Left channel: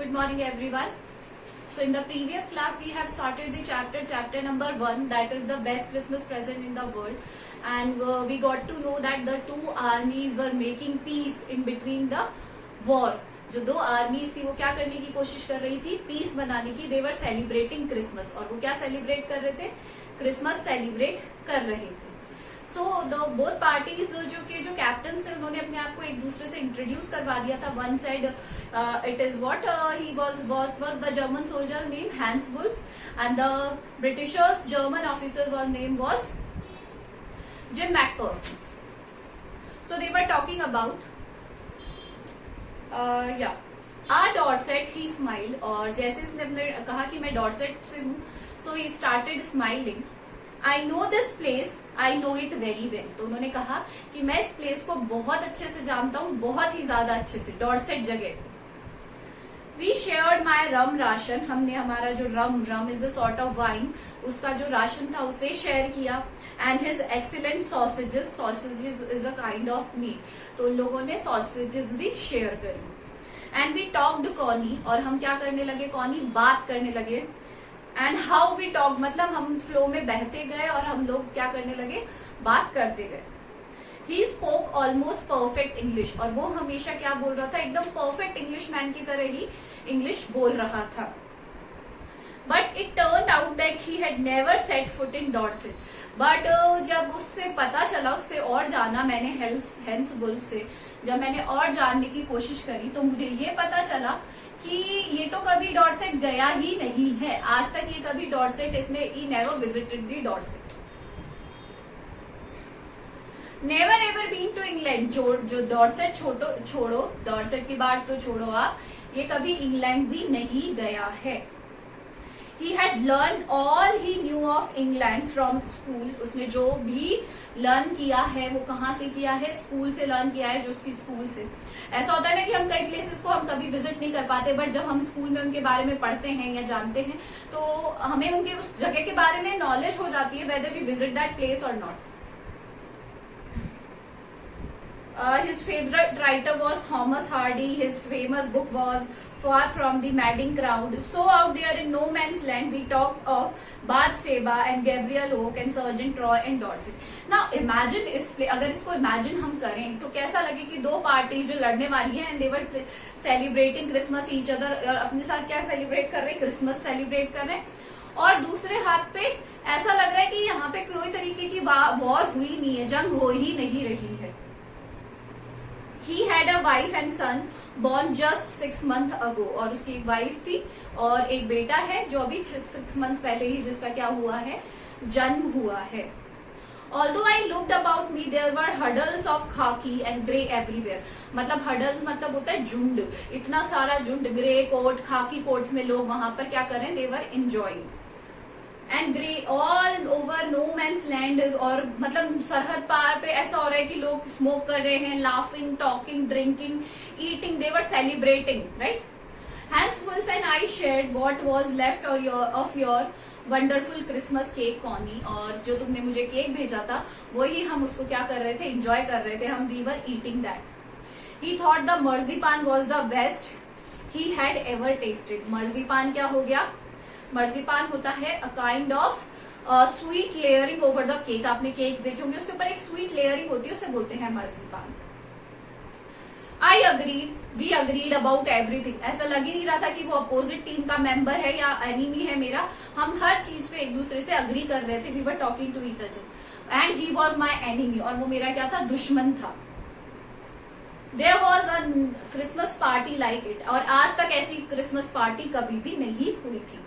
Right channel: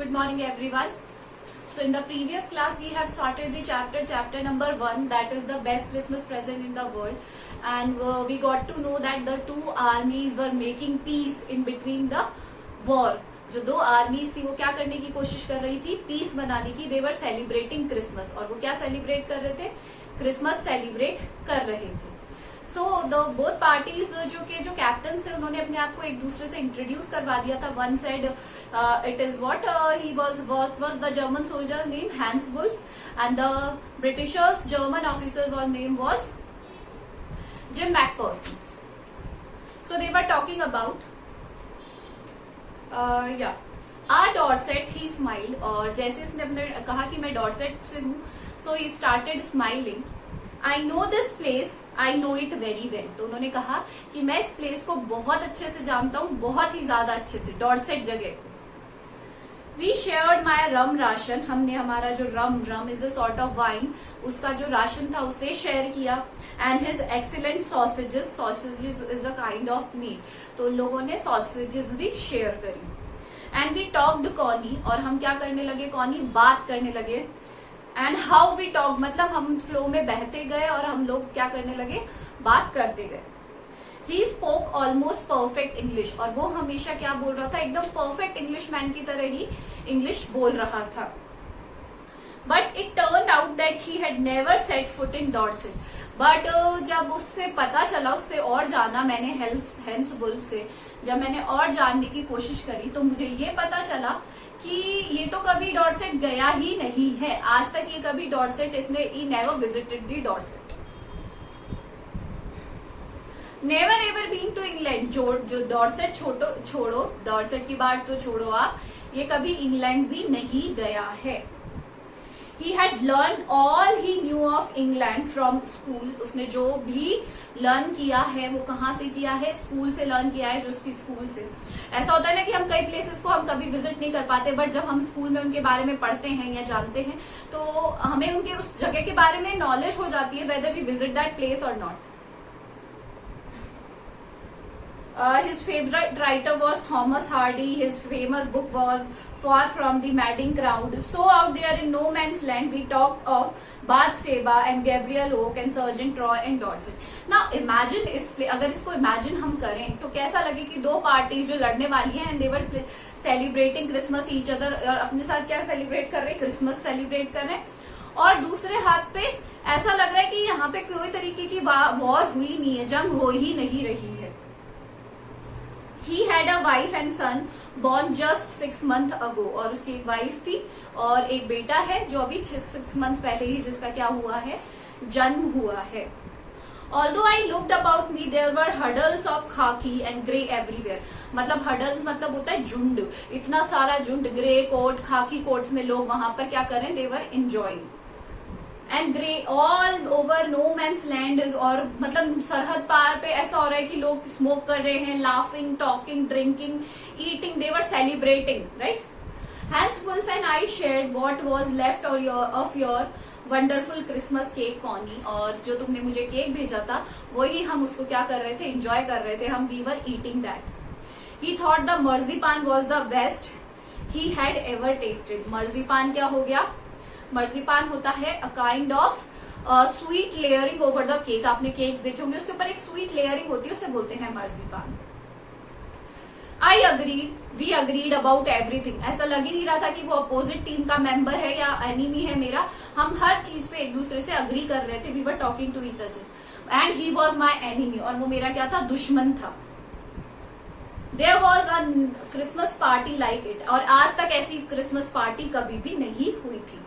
Good morning everyone. So in the previous class we have started the chapter number 1, that is the best Christmas present in the world, and we got to know that the two armies were making peace in between the war. जो दो आर्मीज थी वो क्या करने की कोशिश कर रही थी, पीस बनाने की. दे वर सेलिब्रेटिंग क्रिसमस, और वो क्या सेलिब्रेट कर रहे थे, क्रिसमस सेलिब्रेट कर रहे थे. सो द बोथ पार्टीज जो कैप्टन थे उन्होंने अपने आप को एक दूसरे से इंट्रोड्यूस करवा दिया था. One side it is what he was the German soldier name Hans Wolf and the Britishers German officer were name was Jim McPherson. So they were talking about Dorset. He smile, और जैसे इसने अपने कहा कि मैं Dorset से हूं, so he started smiling. I know this place, I know it very well. तो उन्होंने कहा कि मैं इस प्लेस को बहुत अच्छे से जानता हूं, बहुत ही ज्यादा अच्छे से. डॉर्सेट जगह. We shared my rum ration, हमने हमारा जो rum is a sort of wine, उसका जो राशन था उसे शेयर किया. And his excellent sausages is a kind of meat. तो उन लोगों ने सॉसेजेस भी शेयर करी. एंड वी टॉक्ड कॉनी, और हम क्या करने लगे, कॉनी बात करने लगे. एंड हाउ वी टॉक, मतलब हम फ्लो में बहते गए और हम लोग क्या करने लगे, बात करते गए. He spoke almost perfect English, और वो हमेशा क्या बोल रहा था, एकदम परफेक्ट इंग्लिश मैन की तरह ही इंग्लिश बोल रहा था. But it turn out that he had never set foot in Dorset. But जब उससे पता चला, उससे और जाना मैंने हैंस वुल्फ से, जब मैंने और जानने की कोशिश करी, तो मुझे ये पता चला कि ये तो कभी डॉर्सेट गया ही नहीं है. आज तक ये कभी डॉर्सेट इसने ही never visited the Dorset. Never ever been to England. जो डॉर्सेट छोड़ो, डॉर्सेट की बात तो छोड़ो आप, ये कभी इंग्लैंड भी नहीं गया है. He had learned all he knew of England from school. उसने जो भी लर्न किया है वो कहाँ से किया है, स्कूल से लर्न किया है, जो उसकी स्कूल से. ऐसा होता है ना कि हम कई प्लेसेस को हम कभी विजिट नहीं कर पाते, बट जब हम स्कूल में उनके बारे में पढ़ते हैं या जानते हैं तो हमें उनके उस जगह के बारे में नॉलेज हो जाती है, whether we visit that place और not. His favorite writer was Thomas Hardy. His famous book was Far from the Madding Crowd. So out there in no man's land, we talked of Bathsheba and Gabriel Oak and Sergeant Troy and Dorset. Now imagine अगर इसको imagine हम करें तो कैसा लगे कि दो parties जो लड़ने वाली हैं, and they were celebrating Christmas each other, और अपने साथ क्या सेलिब्रेट कर रहे हैं, क्रिसमस सेलिब्रेट कर रहे हैं. और दूसरे हाथ पे ऐसा लग रहा है कि यहाँ पे कोई तरीके की वॉर हुई नहीं है, जंग हो ही नहीं रही है. He had a wife and son born just 6 months ago. और उसकी एक वाइफ थी और एक बेटा है जो अभी 6 मंथ पहले ही जिसका क्या हुआ है, जन्म हुआ है. Although I looked about me, there were huddles of khaki and grey everywhere. मतलब huddle मतलब होता है झुंड, इतना सारा झुंड, ग्रे कोट, खाकी कोट्स में लोग वहां पर क्या करें, they were enjoying. And grey all over no man's land. और मतलब सरहद पार पे ऐसा हो रहा है कि लोग स्मोक कर रहे हैं, laughing, talking, drinking, eating, they were celebrating, right. Hans Wolf and I shared what was left of your wonderful Christmas cake Connie. और जो तुमने मुझे केक भेजा था वही हम उसको क्या कर रहे थे, एंजॉय कर रहे थे. हम we were eating that. He thought the marzipan was the best he had ever tasted. Marzipan क्या हो गया, मर्जीपान होता है a kind of sweet layering over the cake. आपने केक देखे होंगे, उसके ऊपर एक स्वीट लेयरिंग होती है, उसे बोलते हैं marzipan. I agreed, we agreed about everything. ऐसा लग ही नहीं रहा था कि वो अपोजिट टीम का मेंबर है या एनिमी है मेरा. हम हर चीज पे एक दूसरे से अग्री कर रहे थे. We were talking to each other and he was my enemy, और वो मेरा क्या था, दुश्मन था. There was a Christmas party like it. और आज तक ऐसी क्रिसमस पार्टी कभी भी नहीं हुई थी,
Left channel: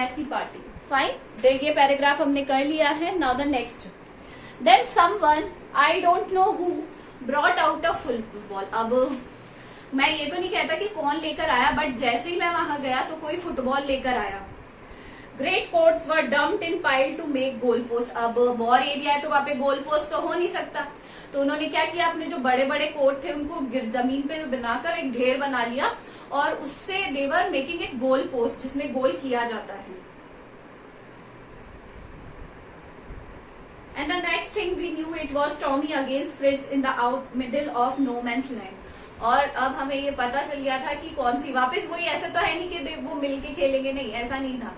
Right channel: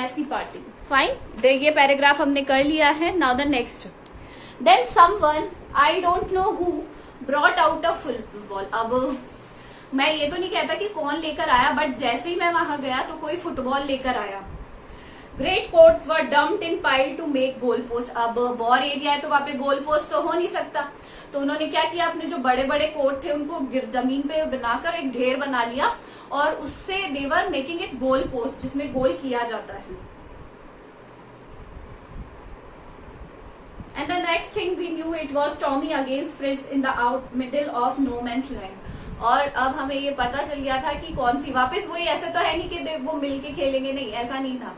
ऐसी पार्टी. फाइन, देखिए पैराग्राफ हमने कर लिया है. Now the next. Then someone, I don't know who, brought out a football. अब मैं ये तो नहीं कहता कि कौन लेकर आया, बट जैसे ही मैं वहां गया तो कोई फुटबॉल लेकर आया. Great coats were dumped in pile to make goal post. अब वॉर एरिया है तो वहां पे गोल पोस्ट तो हो नहीं सकता, तो उन्होंने क्या किया, अपने जो बड़े बड़े कोट थे उनको जमीन पे बनाकर एक ढेर बना लिया, और उससे they were making it goal post, जिसमें गोल किया जाता है. And the next thing we knew, it was Tommy against Fritz in the out middle of no man's land. और अब हमें ये पता चल गया था कि कौन सी वापस वही, ऐसे तो है नहीं कि वो मिलके खेलेंगे, नहीं ऐसा नहीं था।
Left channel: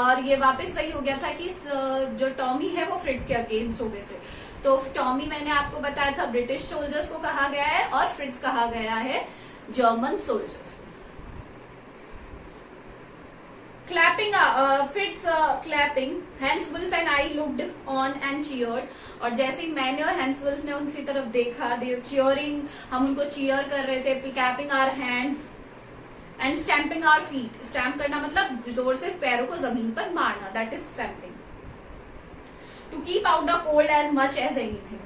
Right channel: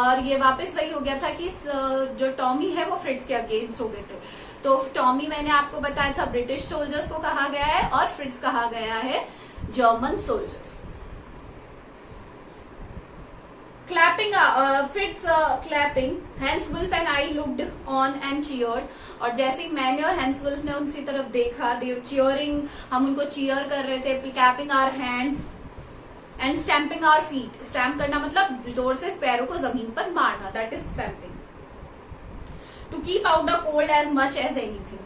और ये वापस वही हो गया था कि जो टॉमी है वो फ्रिट्ज के अगेंस्ट हो गए थे। तो टॉमी मैंने आपको बताया था ब्रिटिश सोल्जर्स को कहा गया है और फ्रिट्ज कहा गया है German soldiers. Clapping, Fritz clapping. Hans Wolf and I looked on and cheered. और जैसे ही मैंने और हैंस वुल्फ ने उनकी तरफ देखा, they cheering, हम उनको cheer कर रहे थे, clapping our hands and stamping our feet. Stamp करना मतलब जोर से पैरों को जमीन पर मारना, that is stamping. To keep out the cold as much as anything.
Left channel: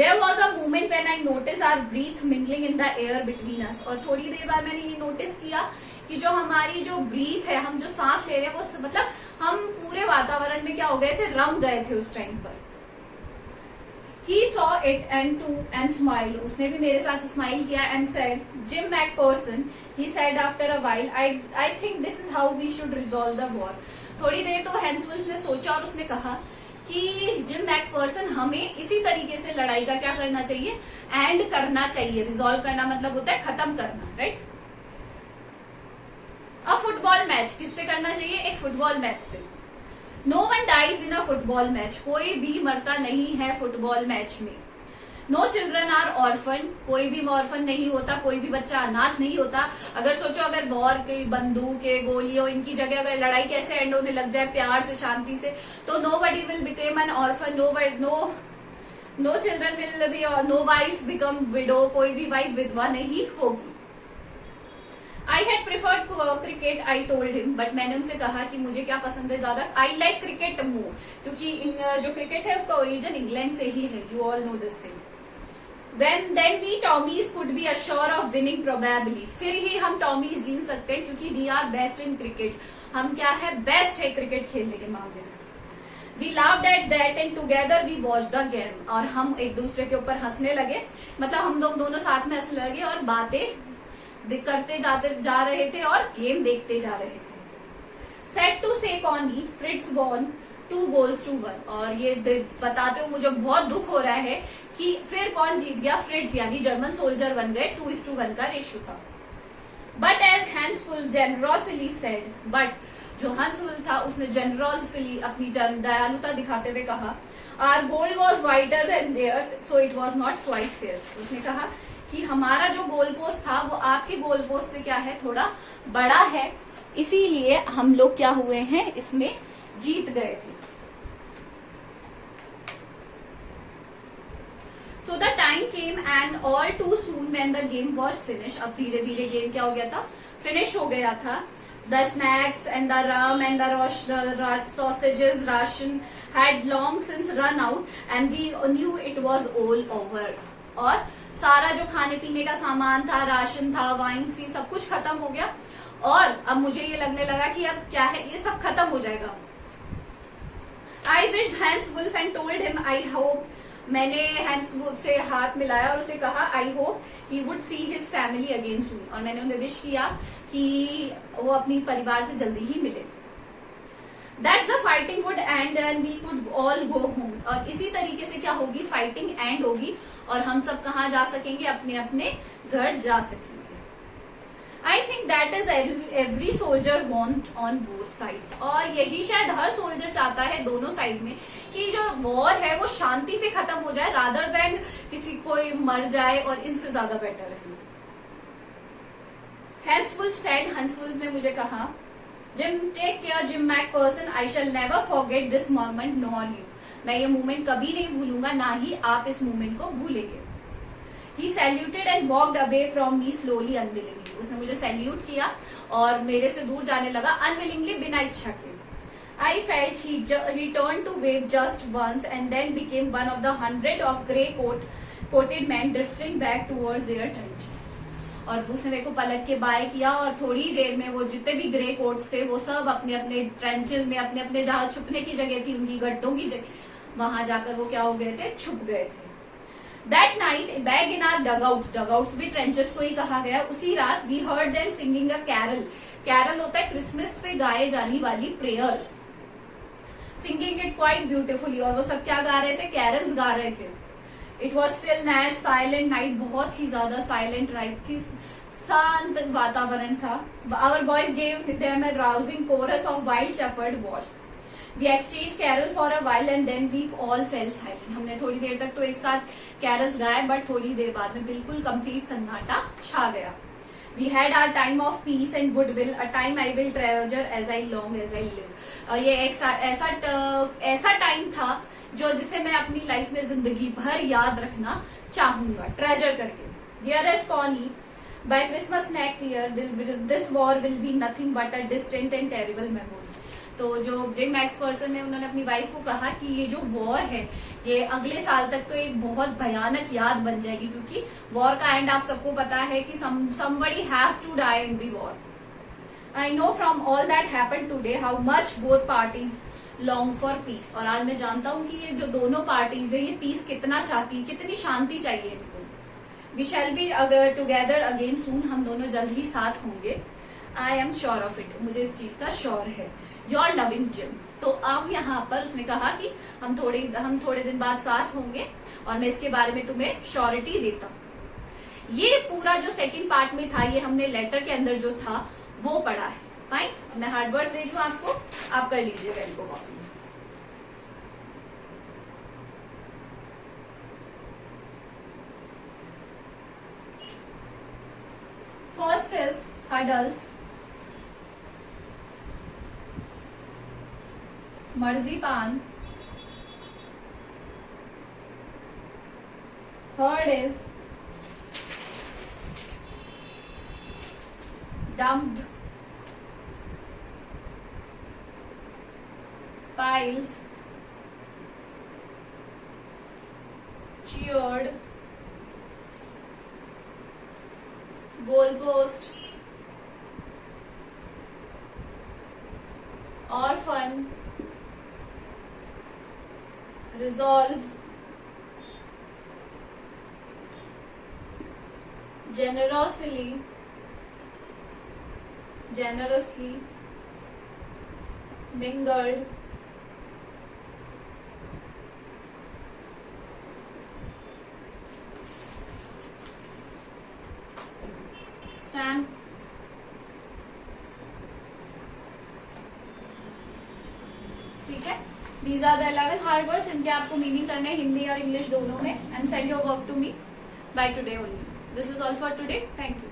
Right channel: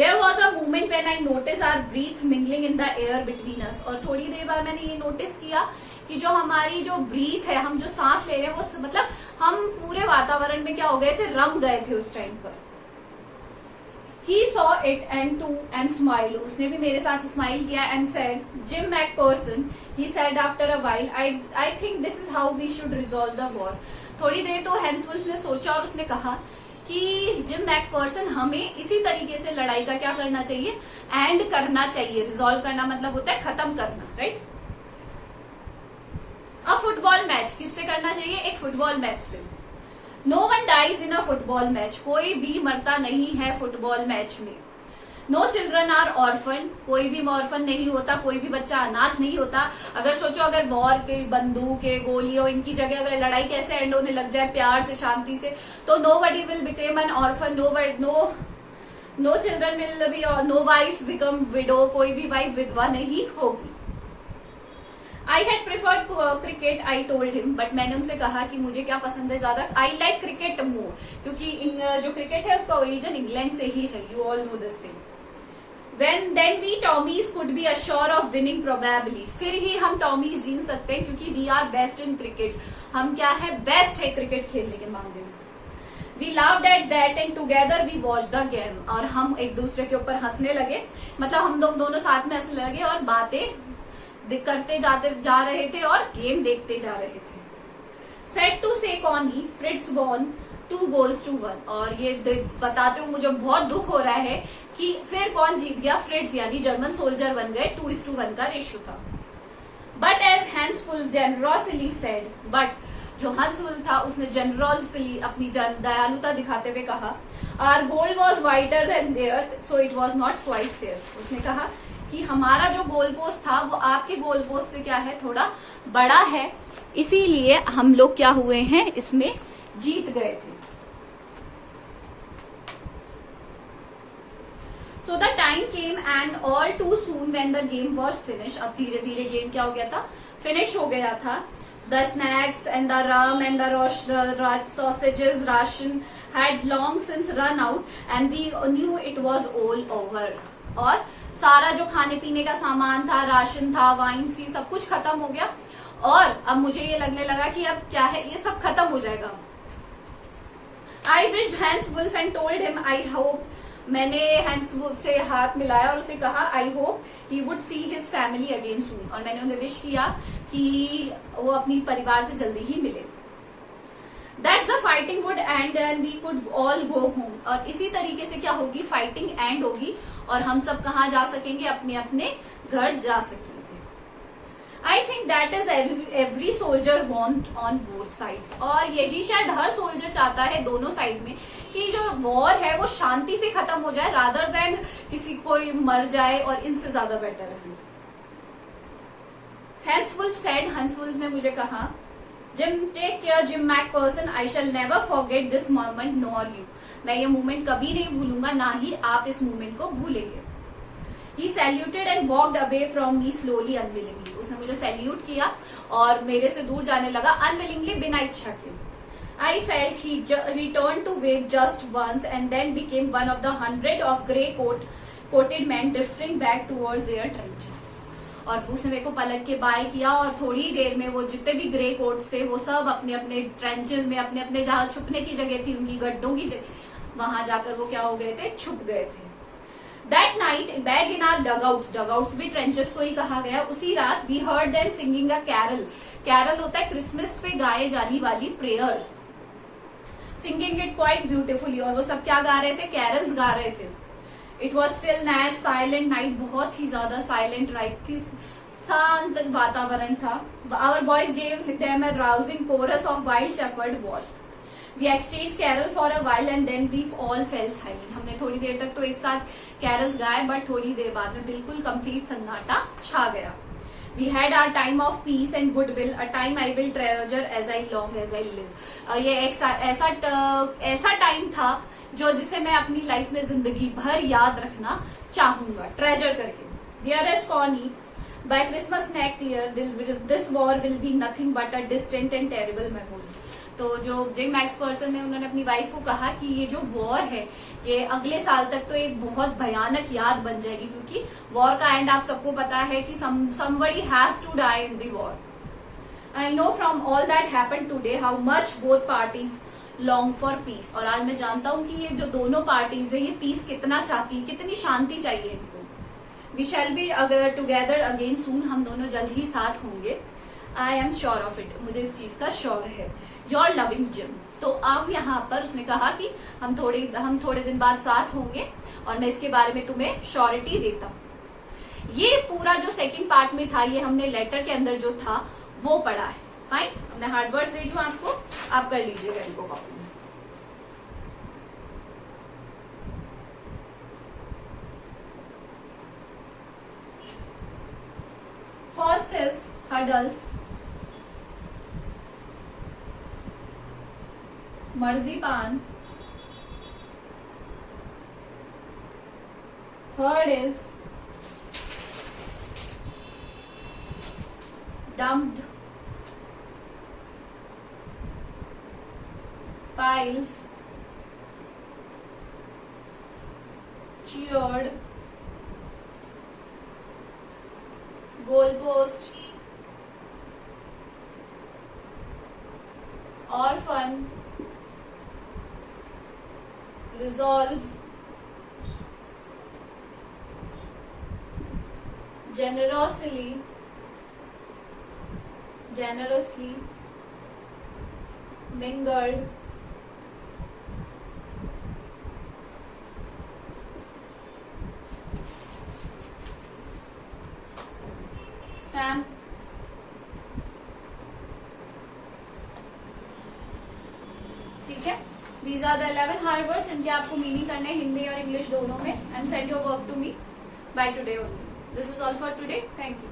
There was a moment when I noticed our breath mingling in the air between us. और थोड़ी देर बाद मैंने ये नोटिस किया कि जो हमारी जो ब्रीथ है, हम जो सांस ले रहे हैं, वो मतलब हम पूरे वातावरण में क्या हो गए थे, रम गए थे उस टाइम पर। He saw it and smiled. उसने भी मेरे साथ स्माइल किया and said, Jim McPherson, he said after a while, I think this is how we should resolve the war. थोड़ी देर तो हैंस वुल्फ ने सोचा और उसने कहा कि जिम मैकपर्सन, हमें इसी तरीके से लड़ाई का क्या करना चाहिए, एंड करना चाहिए। रिजॉल्व करना मतलब होता है खत्म करना, राइट। अ फुटबॉल मैच किससे करना चाहिए, एक फुटबॉल मैच से। No one dies in a football match, कोई भी मरता नहीं है फुटबॉल मैच में। नो चिल्ड्रन आर ऑर्फन, कोई भी ऑर्फन नहीं होता, कोई भी बच्चा अनाथ नहीं होता। अगर सोचो, अगर वॉर के बंदूक के गोलियों इनकी जगह अगर लड़ाई कैसे एंड होने लग जाए, प्यार से शांति से, तो nobody will become an orphan, no children will be, no wife become widow, कोई भी वाइफ विधवा नहीं होगी। I had preferred cricket, I told him, but मैंने उनसे कहा कि मुझे क्या पसंद है ज्यादा, आई लाइक क्रिकेट मोर, क्योंकि जो क्रिकेट है उसका ओरिजिन इंग्लैंड से ही है, you all know this thing. Then we Tommies could be assured of winning probably, फिर ही हम टॉमीज जीत सकते हैं, क्योंकि we are best in cricket, हम क्या है, बेस्ट है क्रिकेट खेलने के मामले में। We laughed at that and together we watched the game, और हम एक दूसरे के ऊपर हंसने लगे, मतलब हम लोग दोनों साथ में हंसने लगे और बातें करते जा रहे थे और गेम देखते जा रहे थे। Sad to say Connie, Fritz won 2 goals to 1, और ये बताते हुए मुझे बहुत दुख हो रहा है कि फिर कौन जीत गया, फ्रिट्ज यानी जर्मन सोल्जर बन गए, 2:1 का रेशियो था। But as Hans Wolf generously said, but जो हैंस वुल्फ था उसने जेनरोसली अपनी दयालुता दिखाते हुए कहा, our goal was wider than theirs so it was not quite fair. उसने कहा कि हमारा जो गोल पोस्ट था वो आपके गोल पोस्ट से क्या है, थोड़ा बड़ा है, इसीलिए हम लोग क्या हुए हैं, इसमें जीत गए थे। So the time came and all too soon when the game was finished, अब धीरे धीरे गेम क्या हो गया था, फिनिश हो गया था। The snacks and the rum and the sausages ration had long since run out and we knew it was all over, और सारा जो खाने पीने का सामान था, राशन था, वाइन सी, सब कुछ खत्म हो गया, और अब मुझे ये लगने लगा कि अब क्या है, ये सब खत्म हो जाएगा। I wished Hans Wolf and told him I hope, मैंने हैंस वुल्फ से हाथ मिलाया और उसे कहा I hope he would see his family again सून, और मैंने उन्हें विश किया कि वो अपनी परिवार से जल्दी ही मिले। That's the fighting would and we could all go home, और इसी तरीके से क्या होगी, फाइटिंग एंड होगी और हम सब कहाँ जा सकेंगे, अपने अपने घर जा सकेंगे। I think that is every soldier want on both side, और यही शायद हर सोल्जर चाहता है दोनों साइड में कि जो वॉर है वो शांति से खत्म हो जाए, रादर देन किसी कोई मर जाए, और इनसे ज्यादा बेटर है। Hans Wolf said, Hans Wolf ने मुझे कहा, Jim take care Jim McPherson, I shall never forget this moment nor you, मैं ये मोमेंट कभी नहीं भूलूंगा, ना ही आप इस मोमेंट को भूलेंगे। He saluted and walked away from me slowly unwillingly, उसने मुझे सैल्यूट किया और मेरे से दूर जाने लगा unwillingly, बिना इच्छा के। I felt he returned to wave just once and then became one of the 100 of grey-coated men drifting back towards their trenches, और उसने मेरे को पलट के बाय किया और थोड़ी देर में वो जितने भी ग्रे कोट्स थे वो सब अपने अपने ट्रेंचेस में, अपने अपने जहां छुपने की जगह थी, उनकी गड्ढों की जगह, वहां जाकर वो क्या हो गए थे, छुप गए थे। That night, back in our dugouts भी ट्रेंचेस को ही कहा गया, उसी रात we heard them singing a carol, carol होता है क्रिसमस पे गाए जाने वाली prayer, singing it quite beautifully, और वो सब क्या गा रहे थे, कैरल्स गा रहे थे। It was still night, silent night, बहुत ही ज्यादा साइलेंट नाइट थी, शांत वातावरण था. Our boys gave them a rousing chorus of wild shepherd watch. We exchange carol for a while and then we all fell silent. हमने थोड़ी देर तक तो एक साथ कैरल्स गाए, बट थोड़ी देर बाद में बिल्कुल कंप्लीट सन्नाटा छा गया. We had our time of peace and goodwill, a time I will treasure as I long as I live. ये एक ऐसा टाइम था जो जिसे मैं अपनी लाइफ में जिंदगी भर याद रखना चाहूंगा, ट्रेजर करके. Dearest Connie, by Christmas next year, this war will be nothing but a distant and terrible memory. तो जो जिम मैक्सपर्सन है उन्होंने अपनी वाइफ को कहा कि ये जो वॉर है ये अगले साल तक तो एक बहुत भयानक याद बन जाएगी, क्योंकि वॉर का एंड आप सबको पता है कि somebody has to die in the war. I know from all that happened today how much both parties long for peace. और आज मैं जानता हूँ कि ये जो दोनों पार्टीज है ये पीस कितना चाहती, कितनी शांति चाहिए इनको. We shall be together again soon. हम दोनों जल्द ही साथ होंगे. I am sure of it. मुझे इस चीज का श्योर है. Your loving Jim. तो अब यहाँ पर उसने कहा कि हम थोड़े दिन बाद साथ होंगे और मैं इसके बारे में तुम्हें श्योरिटी देता हूँ. ये पूरा जो सेकंड पार्ट में था ये हमने लेटर के अंदर जो था वो पढ़ा है. फाइन, मैं हार्ड वर्ड दे दूं आपको, आप कर लीजिएगा इनको कॉपी में. First is huddles, marzipan. Third is dumped, piles, cheered, goalpost, orphan, resolve, generously, mingled, stamp, ठीक है. These are the 11 hard words. इनके आपको मीनिंग करने हैं हिंदी और इंग्लिश दोनों में. And send your work to me by today only. This is all for today. Thank you.